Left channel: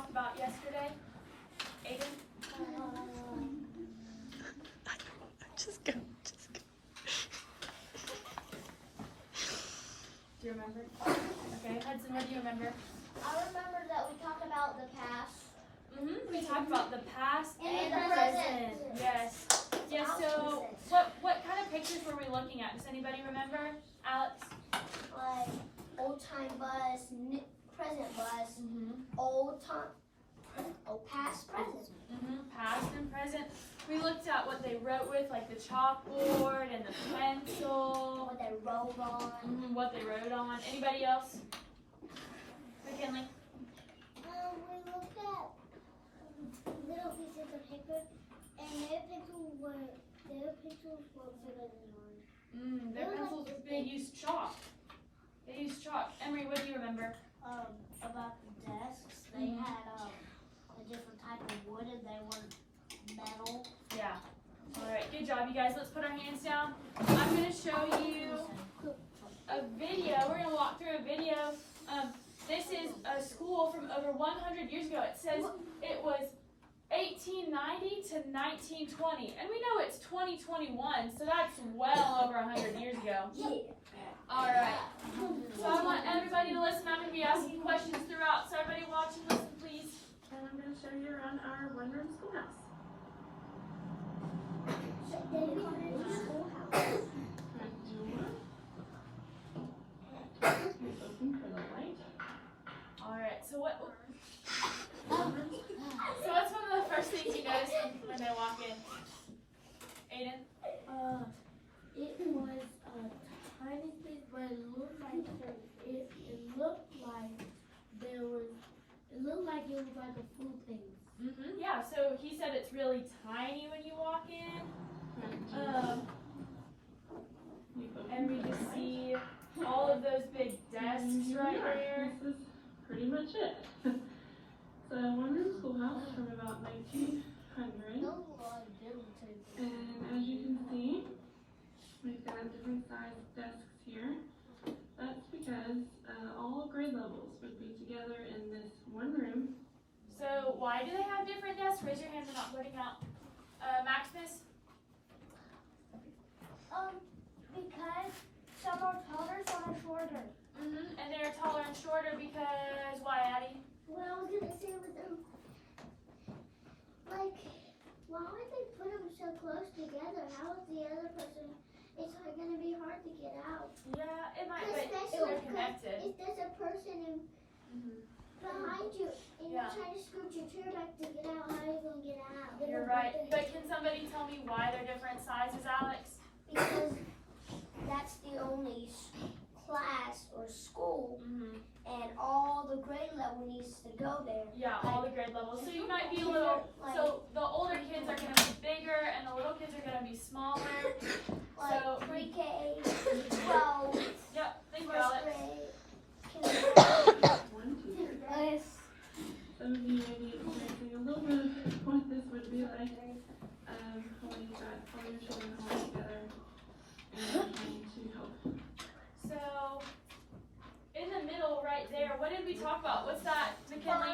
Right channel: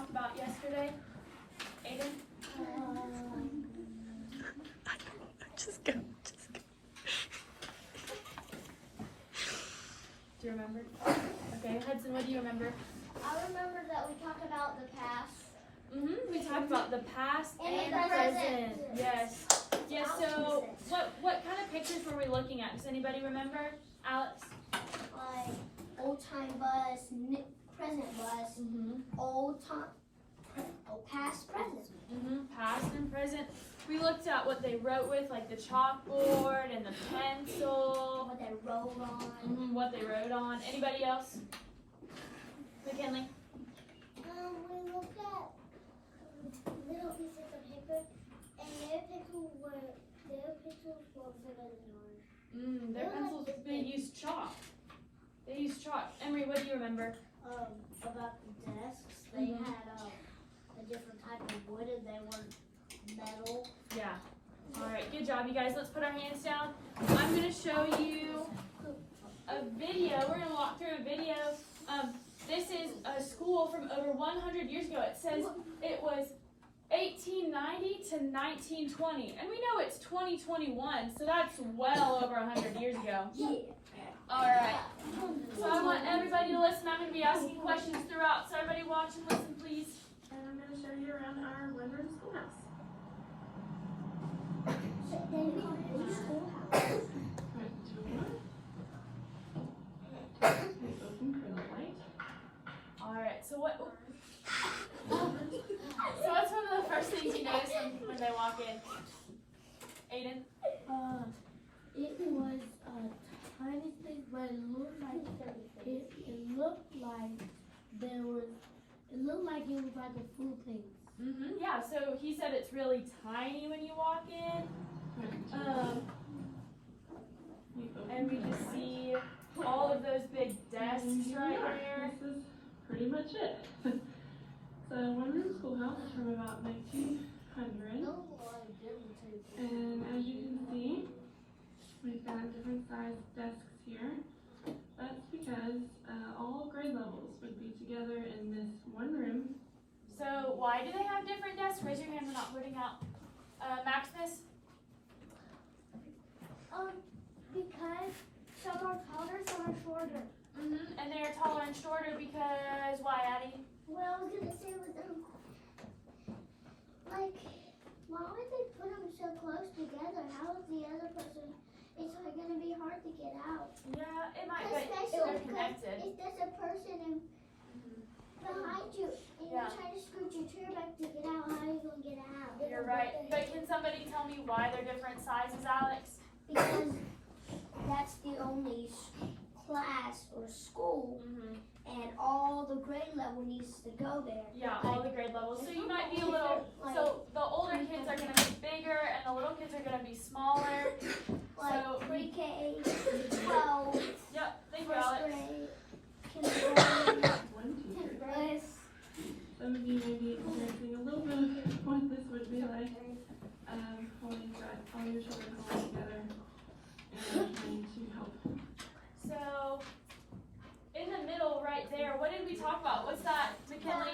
talked about yesterday? Aiden? Just go. Do you remember? Okay, Hudson, what do you remember? I remember that we talked about the past. We talked about the past And and the present. present. Yes. Yes, so what kind of pictures were we looking at? Does anybody remember? Alex? Like old time bus, present bus, old time, past, present. Past and present. We looked at what they wrote with, like the chalkboard and the pencil. What they wrote on. What they wrote on. Anybody else? McKinley? We looked at little pieces of paper, and their pencils were bigger than ours. Their pencils, they used chalk. They used chalk. Emery, what do you remember? About the desks, they had a different type of wood, and they were metal. Yeah. All right, good job, you guys. Let's put our hands down. I'm going to show you a video. We're going to walk through a video. This is a school from over 100 years ago. It says it was 1890 to 1920. And we know it's 2021, so that's well over 100 years ago. Yeah. All right. So I want everybody to listen. I'm going to be asking questions throughout. So everybody watch and listen, please. And I'm going to show you around our one-room schoolhouse. Open for the light. All right. So what's one of the first things you notice when they walk in? Aiden? It was a tiny thing, but it looked like it was like a food thing. Yeah. So he said it's really tiny when you walk in. And we just see all of those big desks right here. This is pretty much it. It's a one-room schoolhouse from about 1900. And as you can see, we've got different sized desks here. That's because all grade levels would be together in this one room. So why do they have different desks? Raise your hand, we're not putting out. Maximus? Because some are taller, some are shorter. And they're taller and shorter because why, Addie? What I was gonna say was, like, why would they put them so close together? How is the other person? It's like gonna be hard to get out. Yeah, it might, but Especially they're connected. if there's a person behind you and Yeah. you're trying to scoot your chair back to get out, how are you gonna get out? You're right. But can somebody tell me why they're different sizes, Alex? Because that's the only class or school, and all the grade level needs to go there. Yeah, all the grade levels. So you might be a little, so the older kids are going to be bigger and the little kids are going to be smaller. Like So pre-K, 12, Yep, thank you, first Alex. grade, kindergarten, grade. Some of you may be experiencing a little bit of what this would be like when you've got all your children home together and trying to help. So in the middle right there, what did we talk about? What's that, McKinley?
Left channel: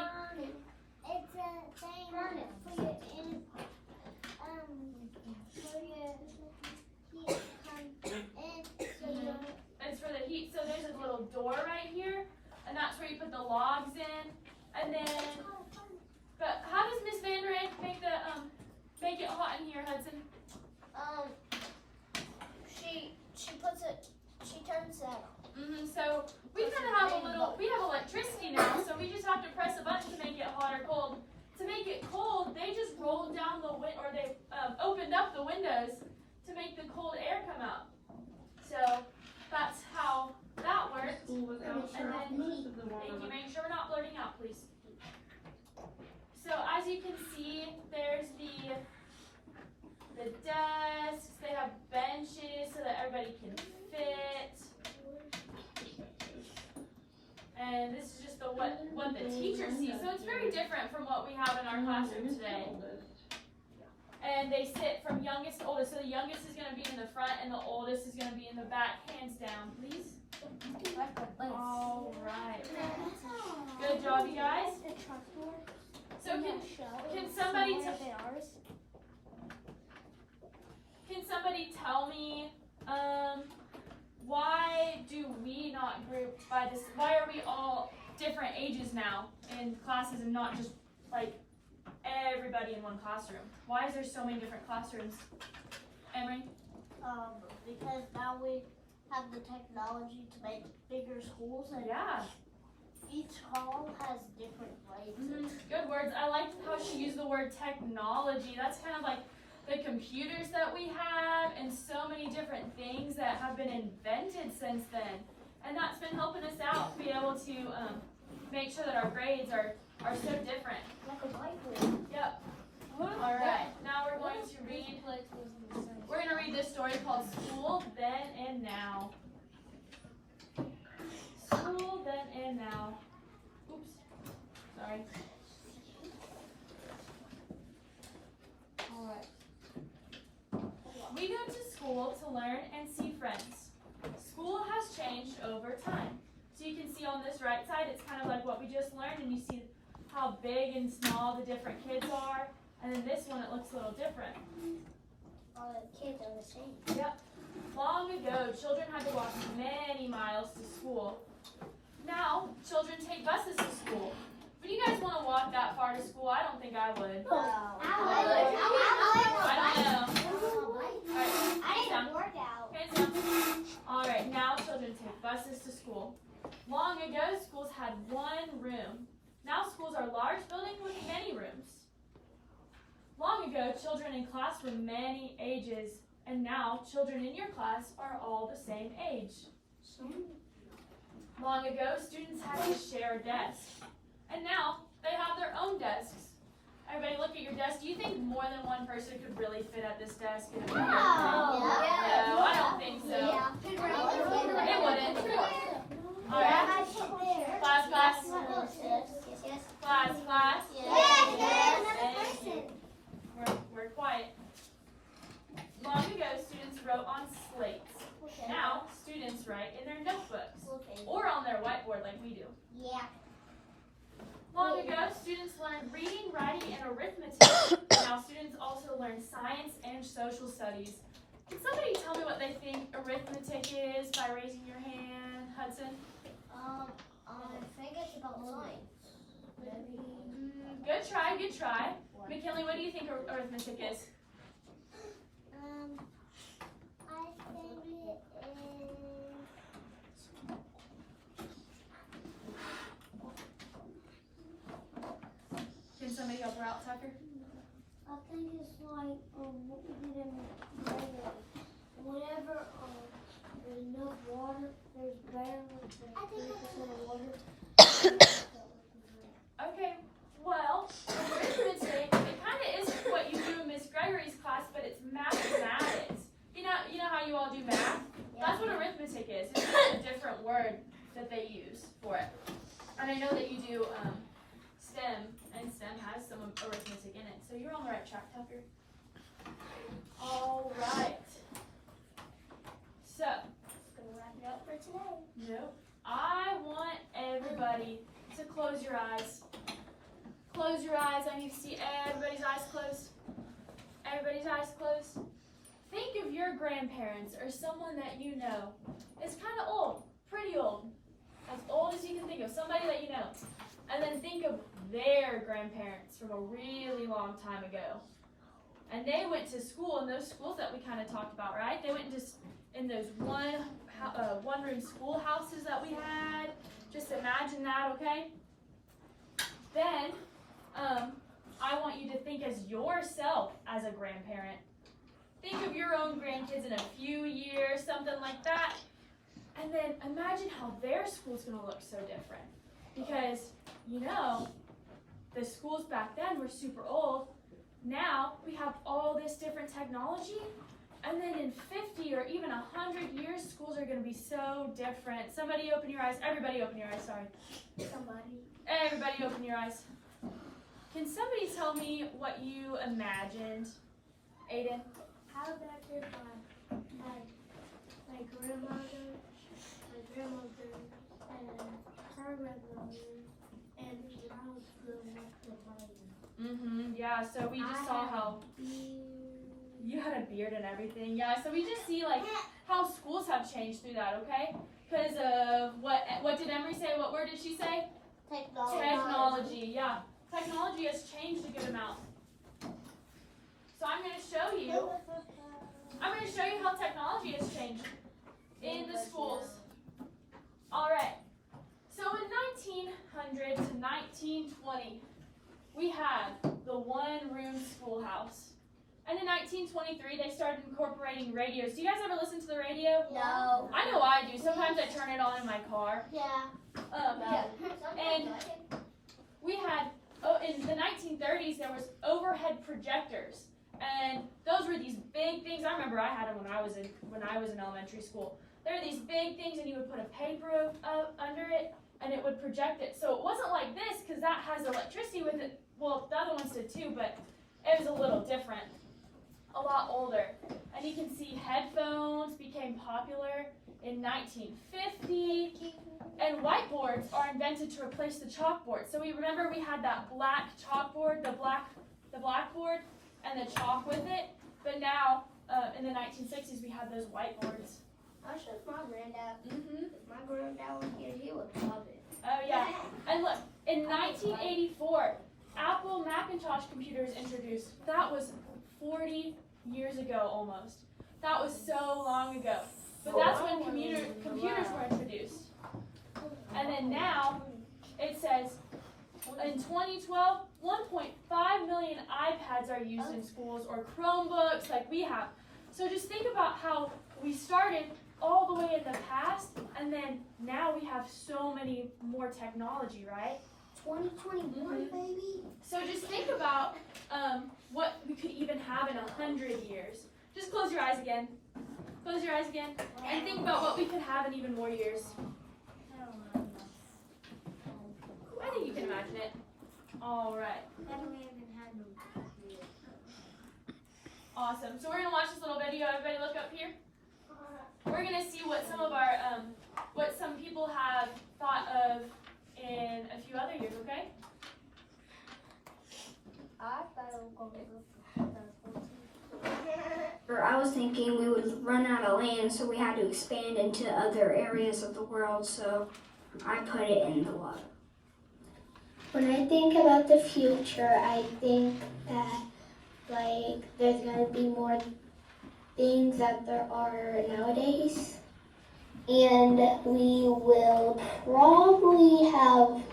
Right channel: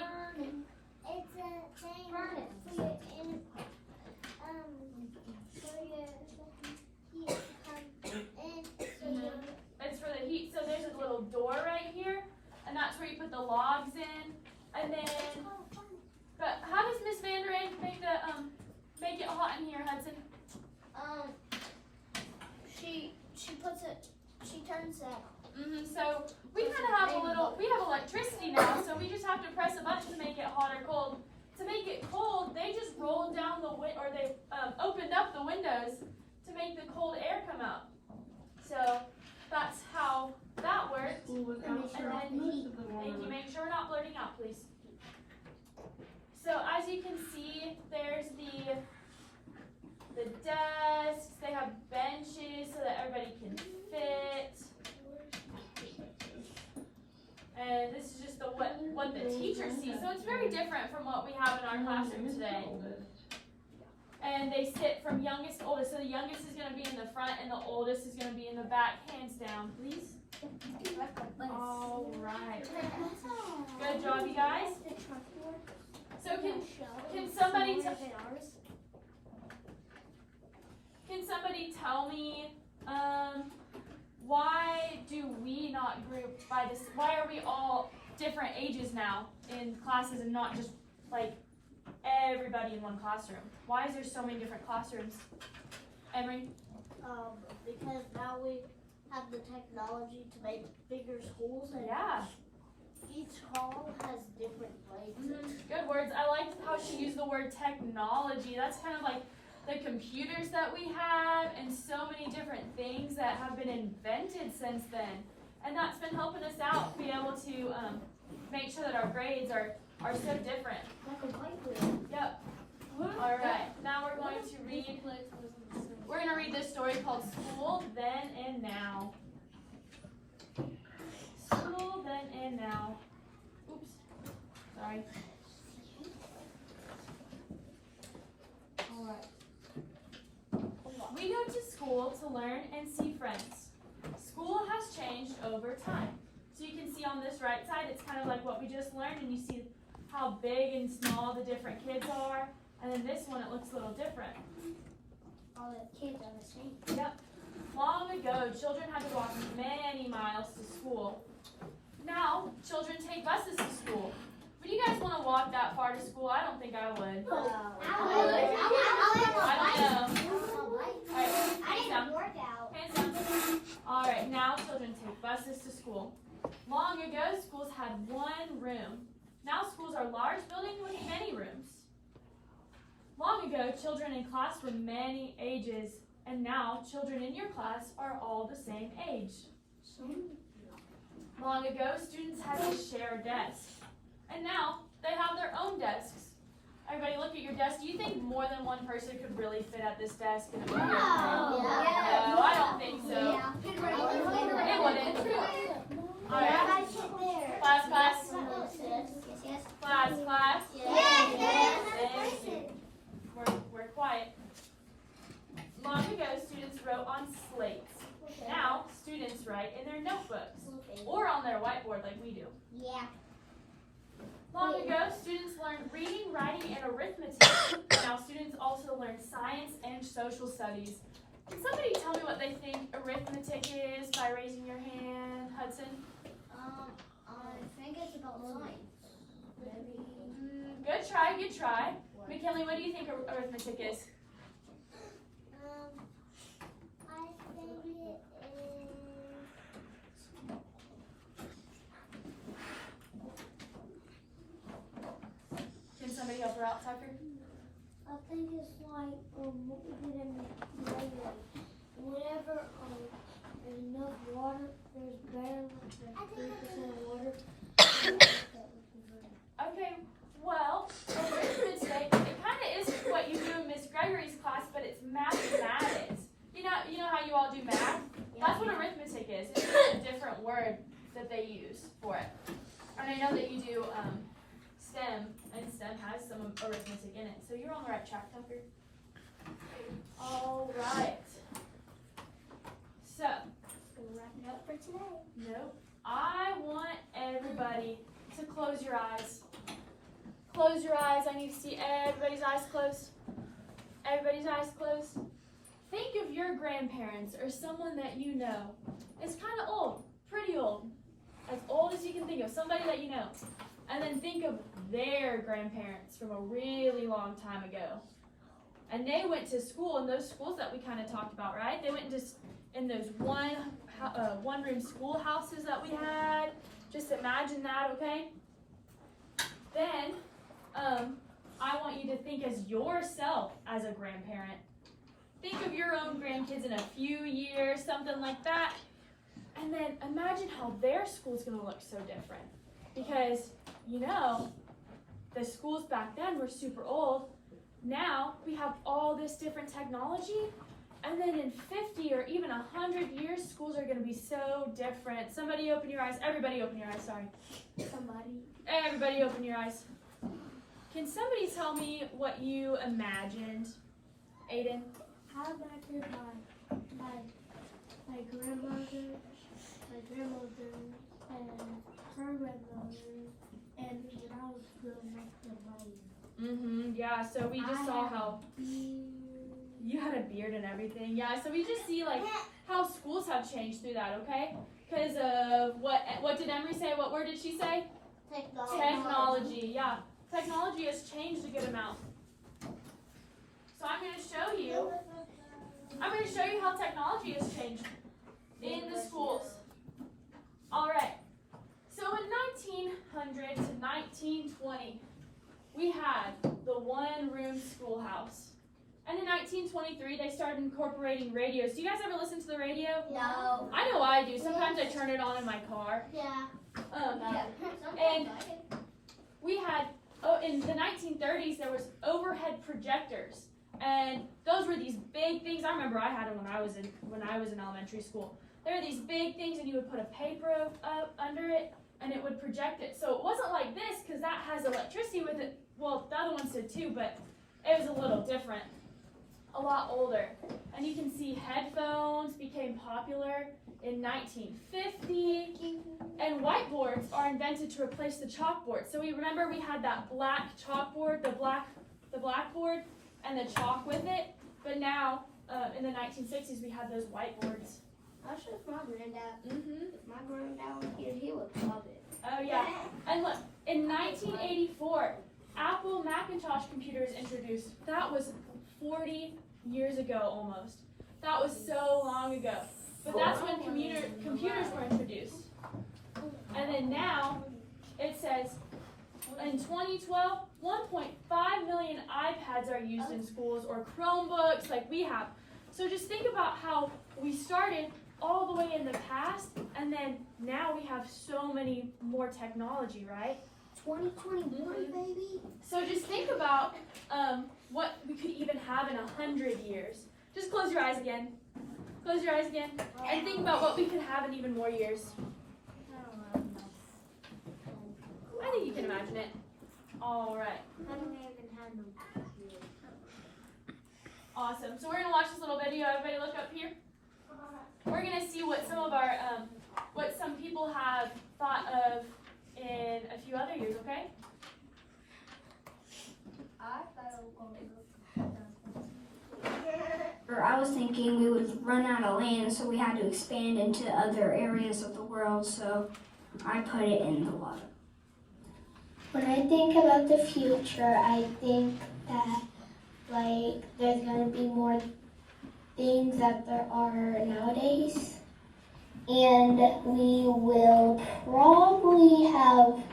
It's a thing for your It's for the heat. So there's a little door right here, and that's where you put the logs in. And then, but how does Miss Van Der Eyck make make it hot in here, Hudson? she turns that on. So we kind of have we have electricity now, so we just have to press a button to make it hot or cold. To make it cold, they just rolled down they opened up the windows to make the cold air come out. So that's how that works. School was out most of the Thank you. morning. Make sure we're not blurting out, please. So as you can see, there's the desks. They have benches so that everybody can fit. And this is just what the teacher sees. So it's very different from what we have in our classroom today. and they sit from youngest to oldest. So the youngest is going to be in the front and the oldest is going to be in the back. Hands down, please. All right. Good job, you guys. So can somebody tell me why do we not group by this? Why are we all different ages now in classes and not just like everybody in one classroom? Why is there so many different classrooms? Emery? Because now we have the technology to make bigger schools, and Yeah. each hall has different places. Good words. I liked how she used the word technology. That's kind of like the computers that we have and so many different things that have been invented since then. And that's been helping us out to be able to make sure that our grades are so different. Like a whiteboard. Yep. All right. Now we're going to read. We're going to read this story called School Then and Now. School Then and Now. Oops. Sorry. All right. We go to school to learn and see friends. School has changed over time. So you can see on this right side, it's kind of like what we just learned, and you see how big and small the different kids are. And then this one, it looks a little different. All the kids are the same. Yep. Long ago, children had to walk many miles to school. Now, children take buses to school. Would you guys want to walk that far to school? I don't think I would. I don't know. All right, hands down. Hands down. All right, now children take buses to school. Long ago, schools had one room. Now schools are large buildings with many rooms. Long ago, children in class were many ages, and now children in your class are all the same age. Long ago, students had to share a desk, and now they have their own desks. Everybody look at your desk. Do you think more than one person could really fit at this desk? No, I don't think so. It wouldn't. All right. Class. Class. Thank you. We're quiet. Long ago, students wrote on slates. Now, students write in their notebooks or on their whiteboard like we do. Yeah. Long ago, students learned reading, writing, and arithmetic. Now, students also learn science and social studies. Can somebody tell me what they think arithmetic is by raising your hand? Hudson? I think it's about science. Good try. McKinley, what do you think arithmetic is? I think it is. Can somebody help her out, Tucker? I think it's like whenever there's enough water, there's better than 3% of water. Okay, well, arithmetic, it kind of is what you do in Miss Gregory's class, but it's mathematics. You know how you all do math? That's what arithmetic is. It's just a different word that they use for it. And I know that you do STEM, and STEM has some arithmetic in it. So you're on the right track, Tucker. All right. So, Gonna wrap it up for today. nope. I want everybody to close your eyes. Close your eyes. I need to see everybody's eyes closed. Everybody's eyes closed. Think of your grandparents or someone that you know. It's kind of old, pretty old. As old as you can think of, somebody that you know. And then think of their grandparents from a really long time ago. And they went to school in those schools that we kind of talked about, right? They went in those one-room schoolhouses that we had. Just imagine that, okay? Then, I want you to think as yourself as a grandparent. Think of your own grandkids in a few years, something like that. And then imagine how their school's gonna look so different. Because, the schools back then were super old. Now, we have all this different technology. And then in 50 or even 100 years, schools are gonna be so different. Somebody open your eyes. Everybody open your eyes, sorry. Everybody open your eyes. Can somebody tell me what you imagined Aiden? How back in my grandmother, and her grandmother, and when I was growing up, the rain. Yeah, so we just saw how you had a beard and everything. Yeah, so we just see like how schools have changed through that, okay? Because of what did Emery say? What word did she say? Technology, yeah. Technology has changed a good amount. So I'm going to show you how technology has changed in the schools. All right. So in 1900 to 1920, we had the one-room schoolhouse. And in 1923, they started incorporating radios. Do you guys ever listen to the radio? No. I know I do. Sometimes I turn it on in my car. Yeah. And we had, in the 1930s, there was overhead projectors. And those were these big things. I remember I had them when I was in elementary school. There were these big things, and you would put a paper under it, and it would project it. So it wasn't like this, because that has electricity with it. Well, the other ones did too, but it was a little different. A lot older. And you can see headphones became popular in 1950. And whiteboards are invented to replace the chalkboard. So we had that black chalkboard, the blackboard, and the chalk with it. But now, in the 1960s, we had those whiteboards. I'll show my granddad. Mm-hmm. If my granddad was here, he would love it. Oh, yeah. And look, in 1984, Apple Macintosh computers introduced. That was 40 years ago almost. That was so long ago. But that's when computers were introduced. And then now, it says, in 2012, 1.5 million iPads are used in schools, or Chromebooks like we have. So just think about how we started all the way in the past, and then now we have so many more technology, right? 2021, baby. So just think about what we could even have in 100 years. Just close your eyes again. Close your eyes again. And think about what we could have in even more years. I think you can imagine it. All right. Awesome. So we're going to watch this little video. Everybody look up here. We're going to see what some of our, what some people have thought of in a few other years, okay? I was thinking we would run out of land, so we had to expand into other areas of the world, so I put it in the water. When I think about the future, I think that there's gonna be more things that there are nowadays, and we will probably have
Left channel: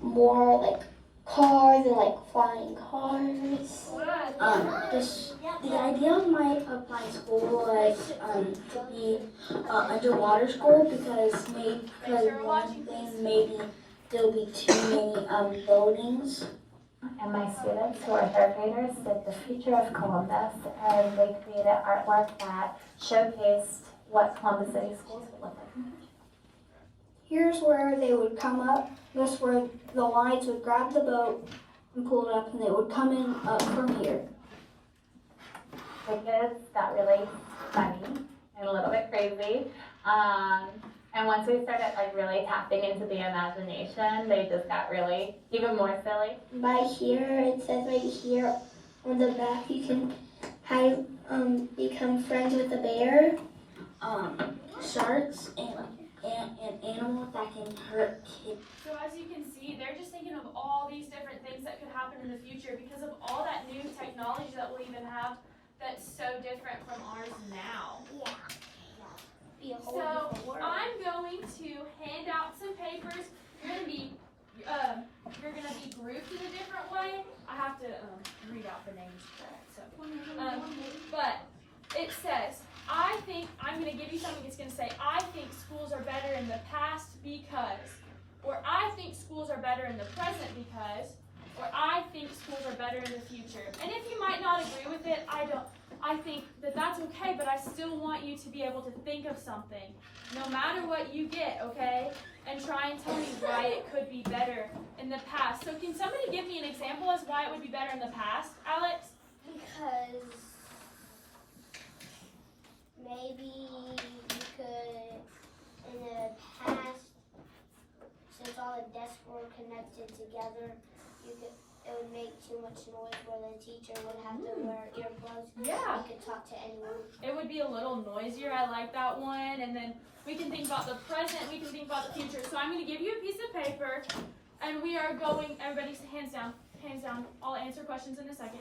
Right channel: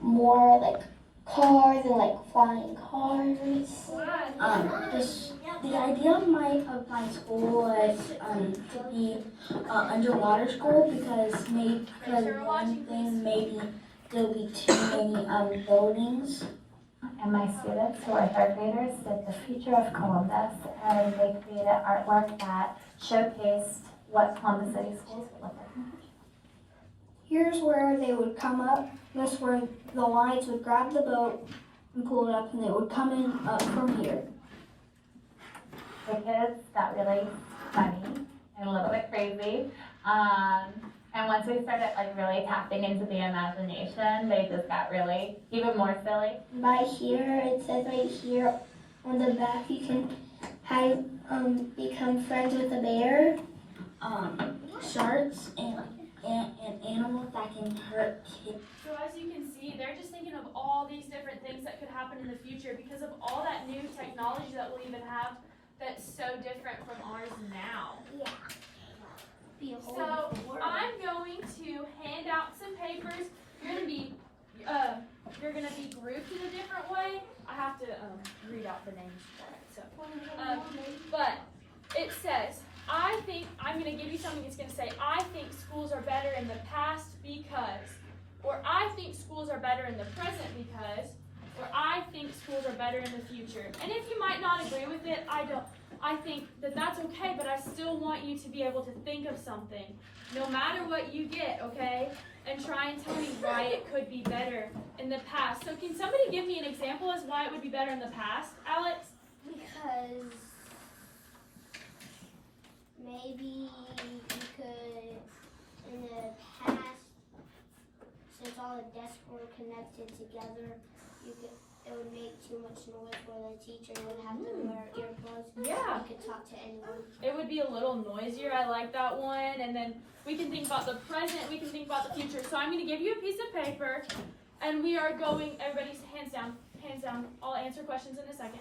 more cars and flying cars. The idea of my school was to be underwater school because one thing maybe there'll be too many buildings. And my students who are third graders did the Future of Columbus, and they created artwork that showcased what Columbus City schools would look like. Here's where they would come up. This is where the lines would grab the boat and pull it up, and they would come in up from here. The kids got really funny and a little bit crazy. And once we started really tapping into the imagination, they just got really even more silly. By here, it says right here on the back, you can become friends with a bear. Sharks and animals that can hurt kids. So as you can see, they're just thinking of all these different things that could happen in the future because of all that new technology that we'll even have that's so different from ours now. So I'm going to hand out some papers. You're gonna be grouped in a different way. I have to read out the names for it. But it says, I think I'm gonna give you something that's gonna say, I think schools are better in the past because, or I think schools are better in the present because, or I think schools are better in the future. And if you might not agree with it, I think that that's okay, but I still want you to be able to think of something, no matter what you get, okay? And try and tell me why it could be better in the past. So can somebody give me an example as why it would be better in the past, Alex? Because maybe you could, in the past, since all the desks were connected together, it would make too much noise where the teacher would have to wear earplugs. Yeah. You could talk to anyone. It would be a little noisier. I like that one. And then we can think about the present. We can think about the future. So I'm going to give you a piece of paper, and we are going. Everybody's hands down. Hands down. I'll answer questions in a second.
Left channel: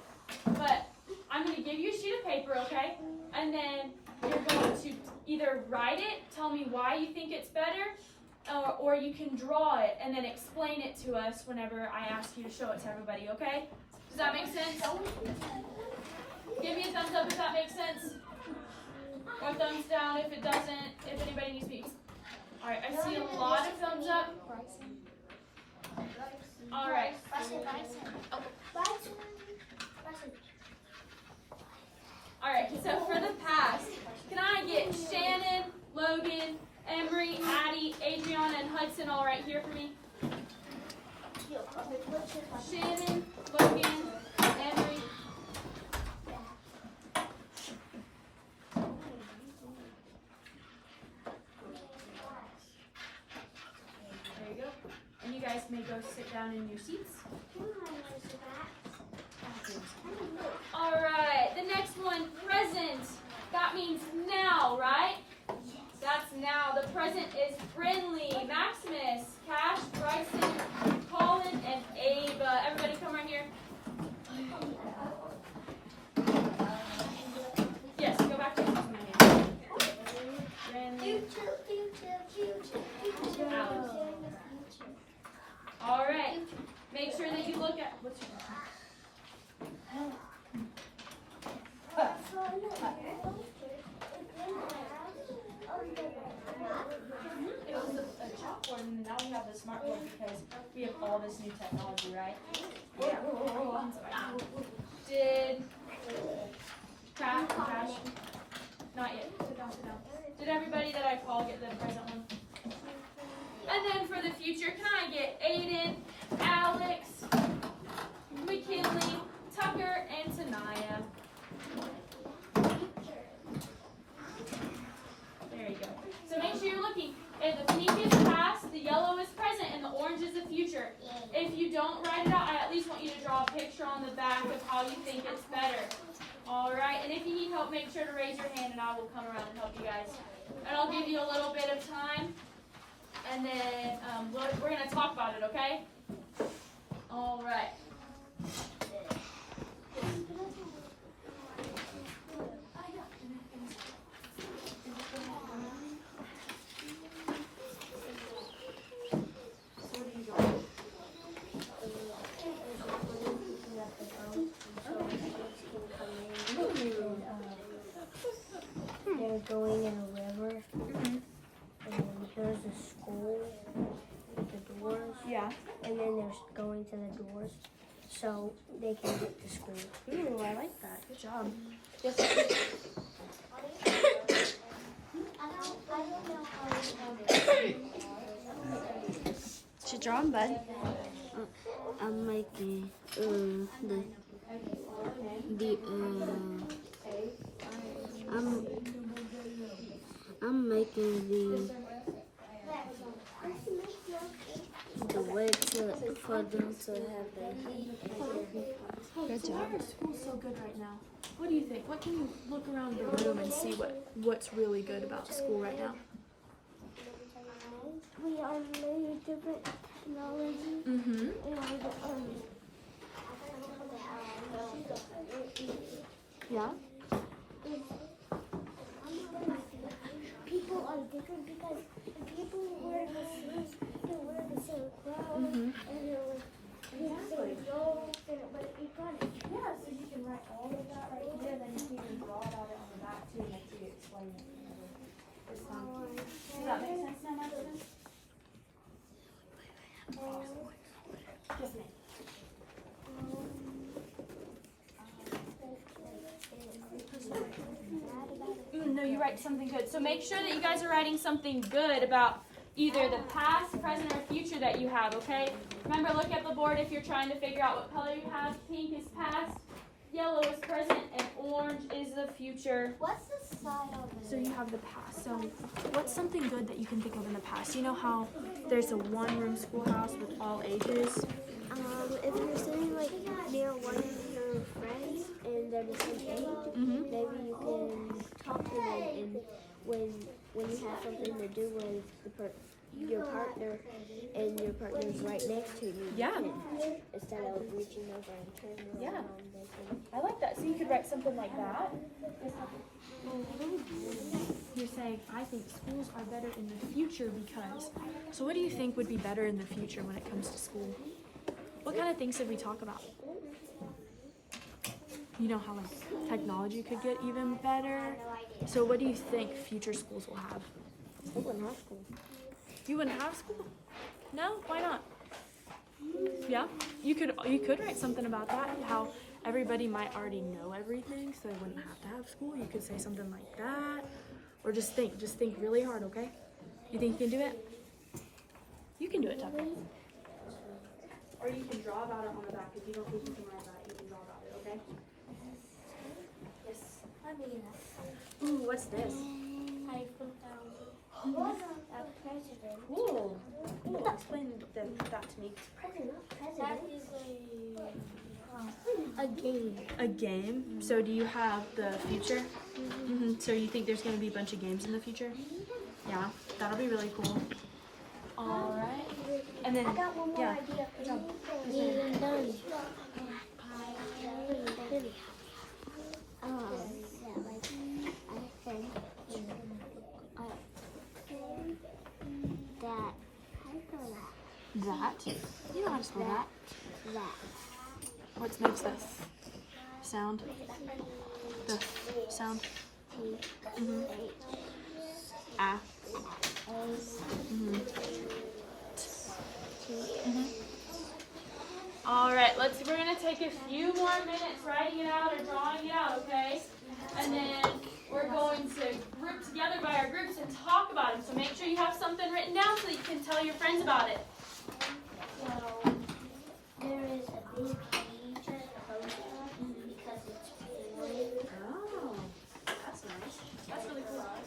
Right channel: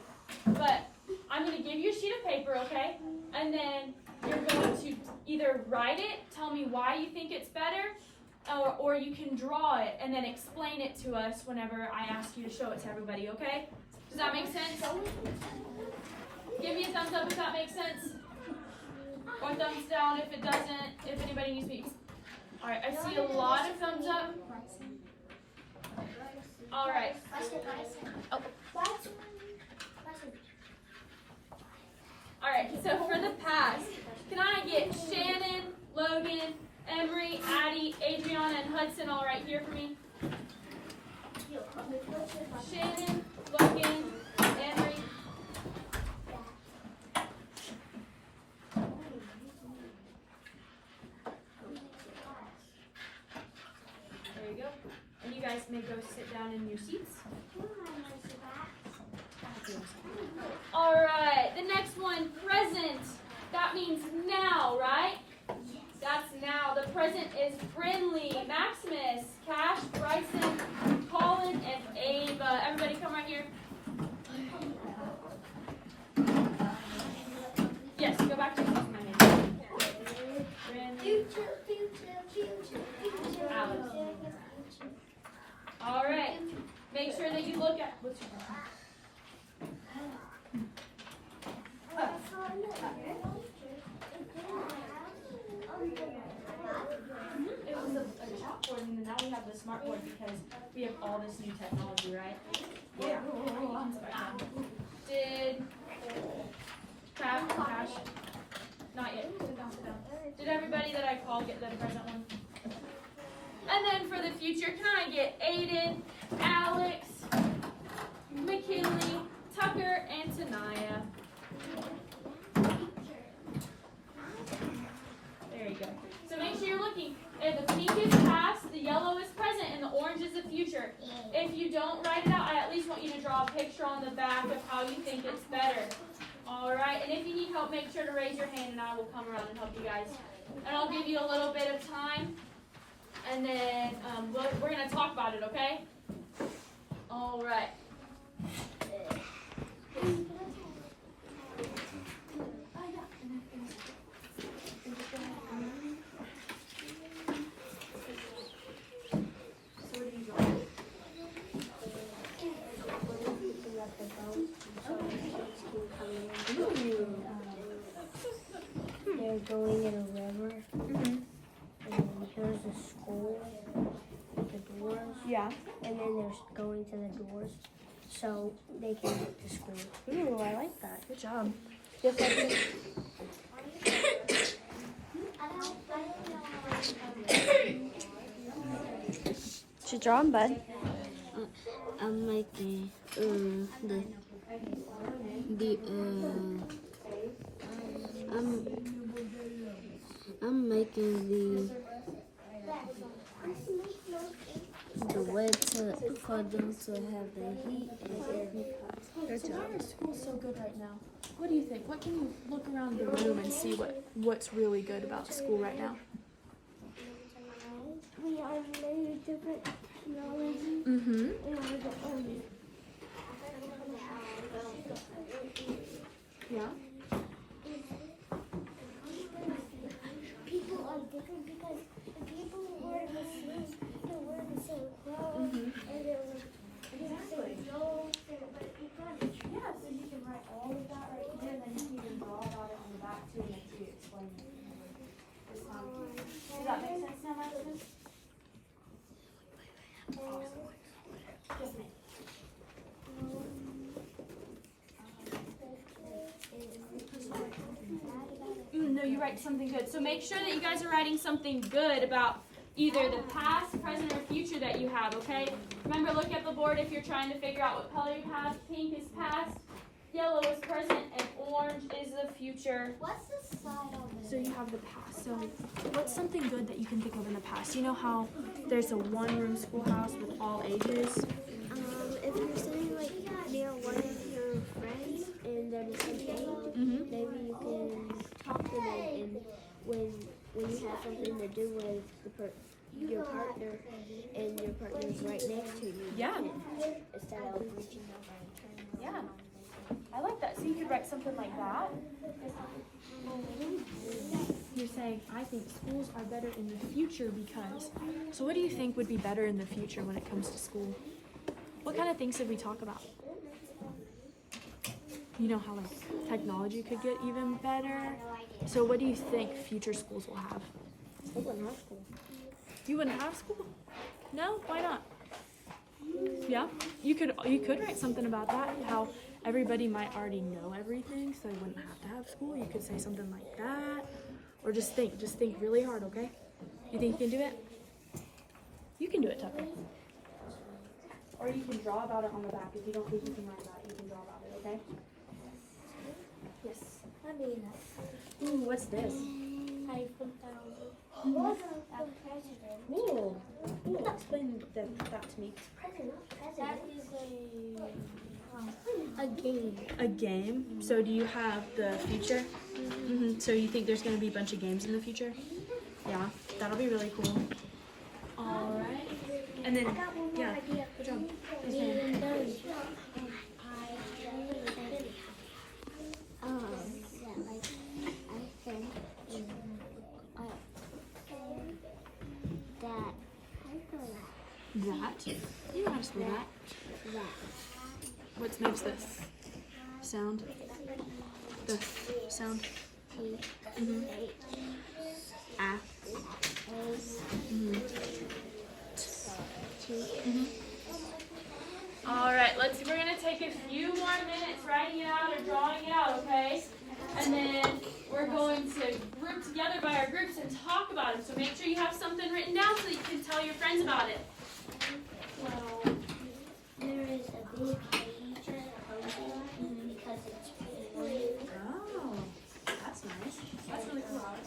But I'm going to give you a sheet of paper, okay? And then you're going to either write it, tell me why you think it's better, or you can draw it and then explain it to us whenever I ask you to show it to everybody, okay? Does that make sense? Give me a thumbs up if that makes sense. Or thumbs down if it doesn't, if anybody needs me. Alright, I see a lot of thumbs up. Alright. Oh. Alright, so for the past, can I get Shannon, Logan, Emery, Addie, Adriana, and Hudson all right here for me? Shannon, Logan, Emery. There you go. And you guys may go sit down in your seats. All right, the next one, present. That means now, right? That's now. The present is Brinley, Maximus, Cash, Bryson, Colin, and Ava. Everybody come right here. Yes, go back to Brinley. Alex. All right. Make sure that you look at what's your name? It was a chalkboard, and now we have the smartboard because we have all this new technology, right? Yeah. Did Cash? Not yet. Sit down, sit down. Did everybody that I called get the present one? And then for the future, can I get Aiden, Alex, McKinley, Tucker, and Tanaya? There you go. So make sure you're looking. If the pink is past, the yellow is present, and the orange is the future. If you don't write it out, I at least want you to draw a picture on the back of how you think it's better. All right, and if you need help, make sure to raise your hand, and I will come around and help you guys. And I'll give you a little bit of time, and then we're going to talk about it, okay? All right. They're going in a river, and then here's the school with the doors. Yeah. And then they're going to the doors so they can get to school. Ooh, I like that. Good job. What you drawing, bud? I'm making I'm making the way for them to have the heat. Good job. School's so good right now. What do you think? What can you look around the room and see what's really good about school right now? We have many different technology. Mm-hmm. Yeah. People are different because people wear the same clothes and they're the same clothes, but people. Yeah, so you can write all of that right here, and then you can even draw about it on the back too, and make sure you explain it. Does that make sense now, Maximus? Yes, ma'am. No, you write something good. So make sure that you guys are writing something good about either the past, present, or future that you have, okay? Remember, look at the board if you're trying to figure out what color you have. Pink is past, Yellow is present, and orange is the future. What's the side on So you have the past. So what's something good that you can think of in the past? You know how there's a one-room schoolhouse with all ages? If you're sitting like near one of your friends and they're the same age, Mm-hmm. maybe you can talk to them, and when you have something to do with your partner and your partner's right next to you, Yeah. instead of reaching over and turning around. Yeah. they can- I like that. So you could write something like that. You're saying, I think schools are better in the future because. So what do you think would be better in the future when it comes to school? What kind of things did we talk about? You know how like technology could get even better. No idea. So what do you think future schools will have? They wouldn't have school. You wouldn't have school? No? Why not? Yeah? You could write something about that, how everybody might already know everything, so they wouldn't have to have school. You could say something like that. Or just think really hard, okay? You think you can do it? You can do it, Tucker. Or you can draw about it on the back. If you don't think you can write that, you can draw about it, okay? Yes. I mean, Ooh, what's this? a president. Ooh. Ooh, explain that to me. That is a game. A game? So do you have the future? Mm-hmm. So you think there's going to be a bunch of games in the future? Yeah, that'll be really cool. All right. And then, I got one more yeah. idea. Good job. That like I think that how do you spell That? You know how to spell that. that? What makes this sound? The sound. Mm-hmm. Ah. Mm-hmm. All right, we're gonna take a few more minutes writing it out or drawing it out, okay? And then we're going to group together by our groups and talk about it. So make sure you have something written down so that you can tell your friends about it. So there is a big feature because it's free. Oh, that's nice. That's really cool.